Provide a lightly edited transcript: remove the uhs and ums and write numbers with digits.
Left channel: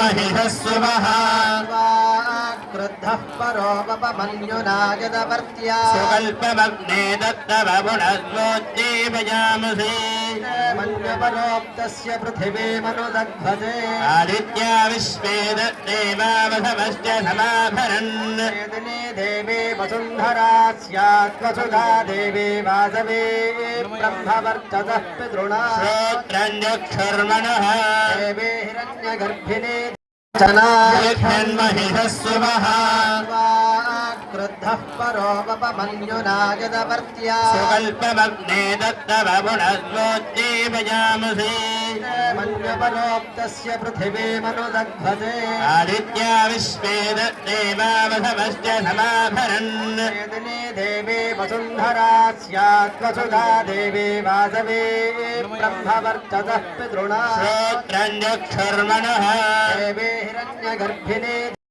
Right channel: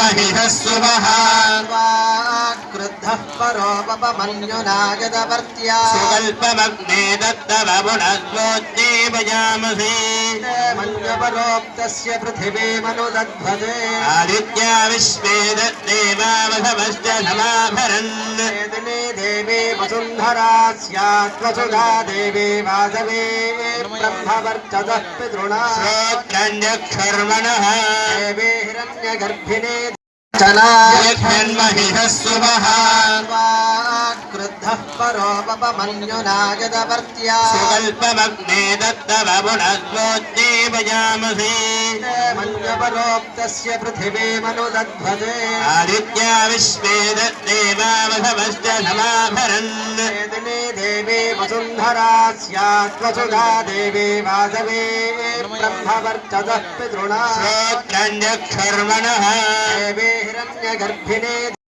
महिषस्सुवः क्रुद्धः परोपमन्युनागदवर्त्या सुकल्पमग्ने दत्तवपुनस्वोद्दीपयामसे मन्यपरोक्तस्य पृथिवीमनुदध्वजे आदित्या विश्वे दत्तेवावधमश्च समाभरन् वेदिने देवी वसुन्धरा स्यात्वसुधा देवी वासवे ब्रह्मवर्चतः पितृणा श्रोत्रञ्जक्षर्मणः देवे हिरण्यगर्भिणे महिषस्सुवः क्रुद्धः परोपमन्युनागदवर्त्या सुकल्पमग्ने दत्तवपुनस्वोद्दीपयामसे मन्यपरोक्तस्य पृथिवीमनुदध्वजे आदित्या विश्वे दत्तेवावधमश्च समाभरन् वेदिने देवी वसुन्धरा स्यात्वसुधा देवी वासवे ब्रह्मवर्चतः पितृणा श्रोत्रञ्जक्षर्मणः देवे हिरण्यगर्भिणे